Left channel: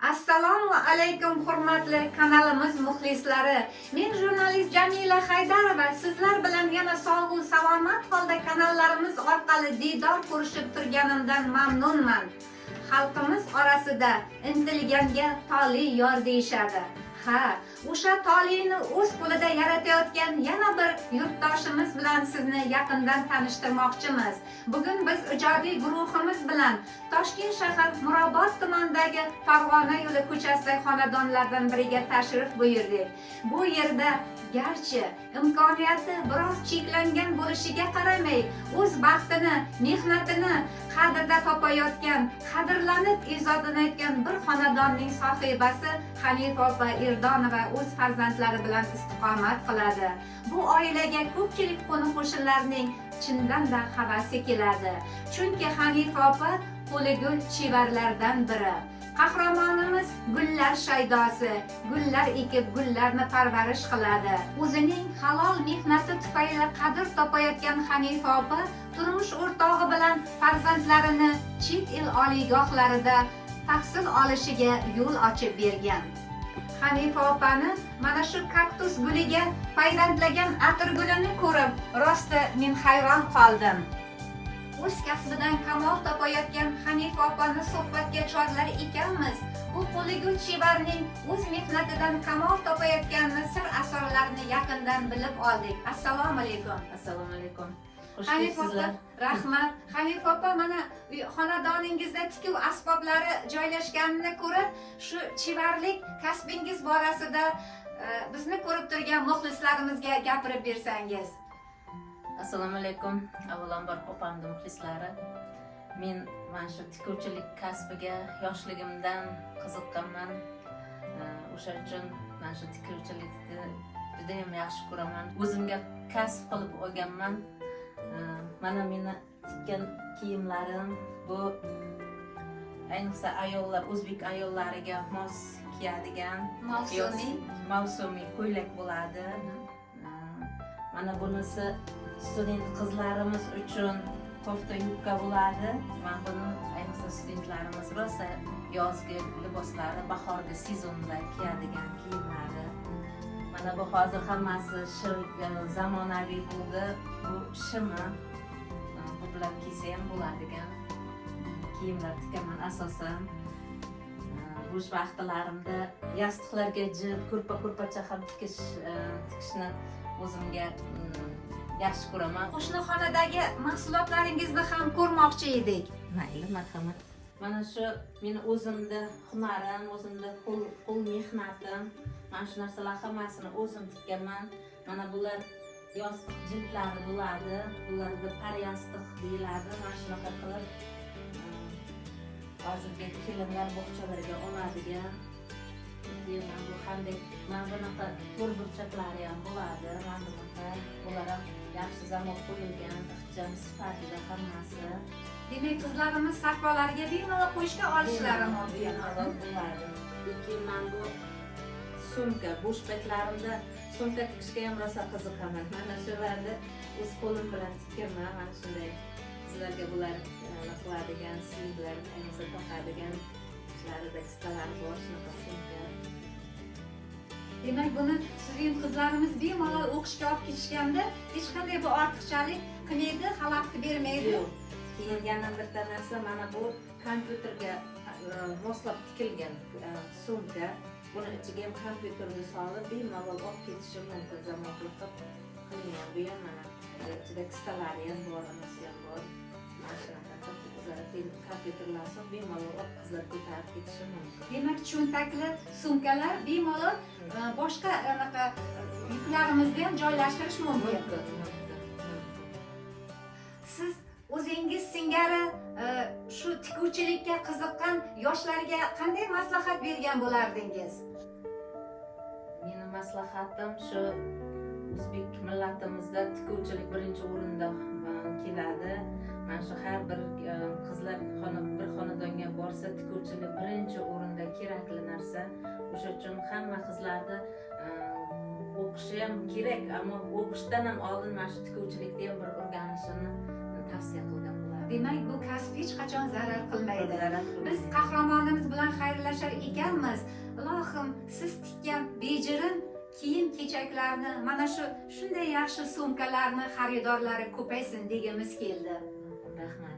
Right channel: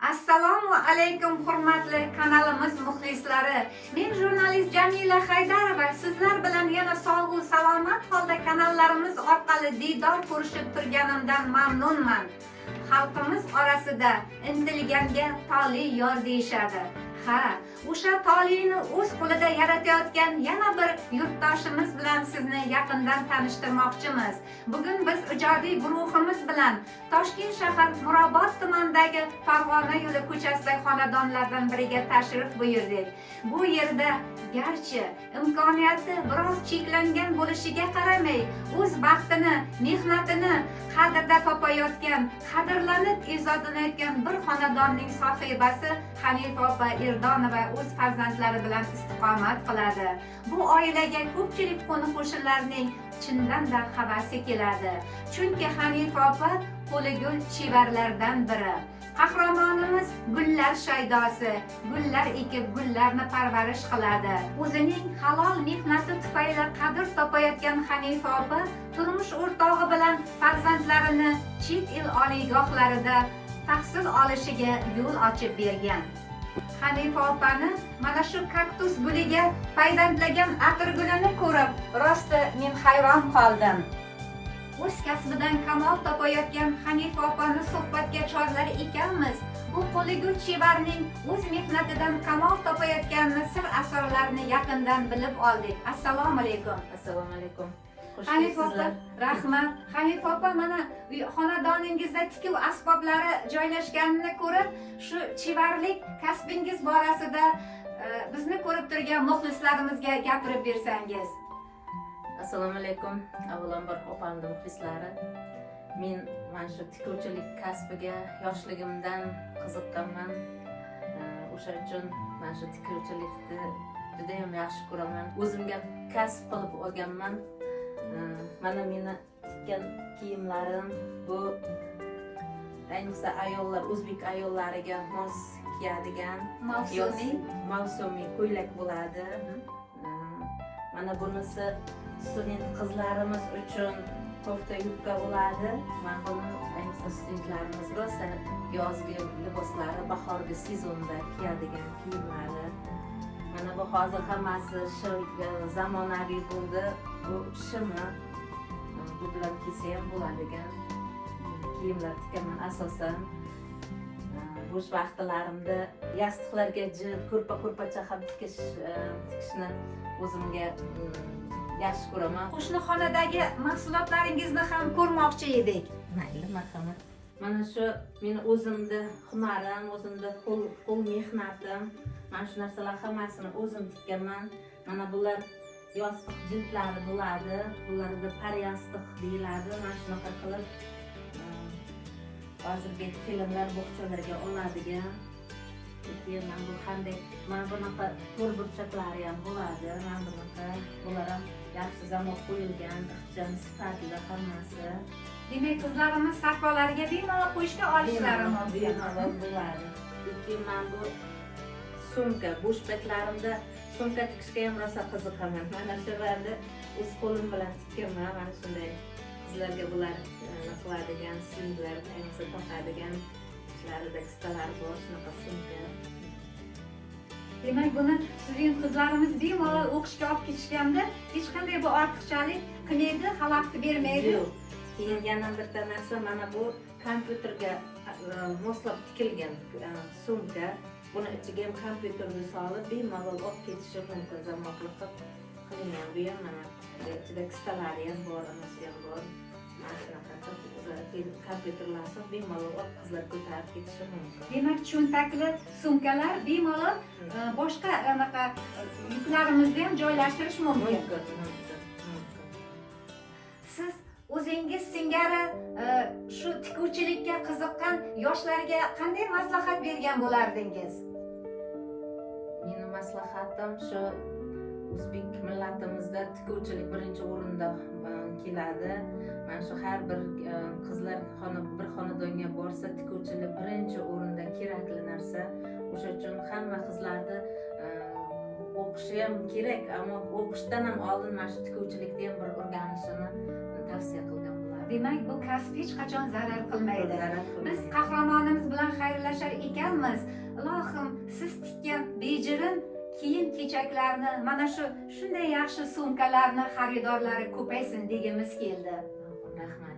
Assalomu alaykum hurmatli kanalimiz muxlislari. Men jurnalist Jamila Haydarova sizlar bilan yana sog'u salomat holda kanallarimiz orqali diydor ko'rishib turganimdan mamnunman. Xalqimiz orasida intilganga toli yor deyishadi. Ha, o'sha tolini o'z qo'lida yaratayotgan yana bir yurtdoshimiz bilan sizni yaqindan tanishtirmoqchimiz. Bugun biz ijodiy guruhimiz bilan Toshkent shahar Mirobod tumanidagi Farg'ona yo'li ko'chasidagi xonadonlardan biriga tashrif buyurdik. Bu yerda garchi imkoniyati biroz cheklangan bo'lishiga qaramay, o'z baxtini, mehnatini qadrda topayotgan, qadrlanib izohlanayotgan bir xonadonning sohibasi Hanifa opa Irdonova o'z farzandlari bilan istiqomat qiladi. Bu oilaga ko'pchilik qo'ni-qo'shnilarning chindan-da havasi keladi. Chunki Hanifa opa qo'li gul chevarlardan biri. Qahramonimiz gullar shaydosi, gullar ekib gullarni parvarish qiladi. O'zining halol mehnati tufayli qadr topayotgan Hanifa opa turmush o'rtog'i bilan farzandlarini chet el oliygohlarida tahsil olishiga yo'l ochib bergan. Hanifa opani mana shu kaktus guliga payvandlagan atirgulini ko'rib, rosti men hayron qoldim. O'z kasbidan kamol topayotgan Hanifa opani suhbatga chorlar ekanmiz. Bu qo'ligul chevarning o'z mehnatidan kamol topayotganini, sir asrorlarini yaqindan bilib oldik. Assalomu alaykum. Assalomu alaykum. Hanifa opa, rahmat. Hanifa opa, mana xonadoningizda tikuv asboblari joylashganini ko'rib, shu chevarlik kasbingiz borasida bizni ko'rib turgan muxlislarimizga gapirib bersangiz. Assalomu alaykum. Avvalambor opamni muxlislari. Men mana shu tikuvchilik kasbiga yoshligimdan qiziqqanman. O'sha uchun mana shu tikuvchilikni juda ham yaxshi ko'raman. O'zimga kasb qilib olganman. Mana meni tikkan kiyimlarim bu ayniqsa ayollar, o'zbek ayollariga mos kiyadigan mavsumiy ko'ylak bo'ladi. Mana bunisi student qizlarimiz uchun kofta yubka bo'ladi. Mana buni ayniqsa studentlarimiz rosa yozgi liboslari, bahorgi sezonda kiyadigan kiyimlari. Mana bu hozir hammasi zamonaviy bo'ldi. Bu shimi bu bilan kiysa ham bo'ladigan kiyimlar tikaman asosan. Bo'sh vaqtlarimda yostiqlarga jilib ko'rpa-ko'rpacha ham tikishni o'zimga yaxshi ko'raman. Qo'shnixonadagi mahsulotlaringizni ham ko'rmoqchi edik. Mayli, marhamat. Mana shu meni o'zimda hunarim, o'zimda qo'l mehnatim. Mana shu narsalar hammasini o'zim tikkanman. Mana bular yostiq jildlari bo'ladi. Bularda paryostiq deyiladi. Mana shunaqa qilib hozirgi kelinlar bog'chalarga oladigan. Mana bu qanday, mana bunaqa to'r burchaklari ham bo'ladi. Mana bunaqa bular ham yaxshi zamon qo'yilgan, ixcham sifatli hammasi. Demak, qizlarimiz sahrolarga bemalol qo'yishga olishlari mumkin. Bemalol bo'ladi. Keyin mana bu sumka, bo'sh paytlarimda sumka tikishga ham rosa qiziqaman. Mana shularni o'z qo'lim bilan tikkanman. Mana shunday qizlarga bular qiladigan, singlar, ayniqsa taqadigan ishlarida qisqalar bor, shunaqa sumka. Demak, buni sizning qizlarimiz bemalol o'qishga olib ketishganda hech qanday bu ortiqchalik qilmaydi, xalaqit bermaydi. Yo'q. Keyin yana bir narsa, mana bu kompyuterga moslab tikilgan sumka. Buni ichiga ham kompyuterni solib bemalol olib ketishi mumkin, zamoqli qilingan. Bu ham mana ichida qisqalari ham bor, nimasi ham bor. Mana shunaqa kompyuterlarni bemalol olib qizlar ko'tarib ketishi mumkin. Demak, cho'ntakli sumkalar bemalol boshqa anaqa yuklarimizni ham joylashtirish mumkin. Siz o'zingiz singari shu tikuvchilikka qiziqqan yoshlarga qanday maslahat bergan bo'lardingiz? Meni maslahatim shu, o'zbek millatimizda tikuvchilik birinchi o'rinda keladi. Mana shu har bir qizlar bir xonadonga borsa, tikuvchilik birinchi o'rinda kerakli narsa. O'sha uchun hamma qizlarni o'qishi ham kerak, ammo o'qishdan ham oldin mana shu tikuvchilikni ham bir o'rganishini tavsiya qilgan bo'lardim. Demak, bu kasb hech qachon zarar qilmaydi. Biz qahramonimiz bilan xayrlashar ekan ekanmiz. Ilohim, siz tikkan bejirim kiyim kechaklarni, mana shunday yaxshi sumkalarni xaridorlari ko'paysin degimiz keldi. Rahmat.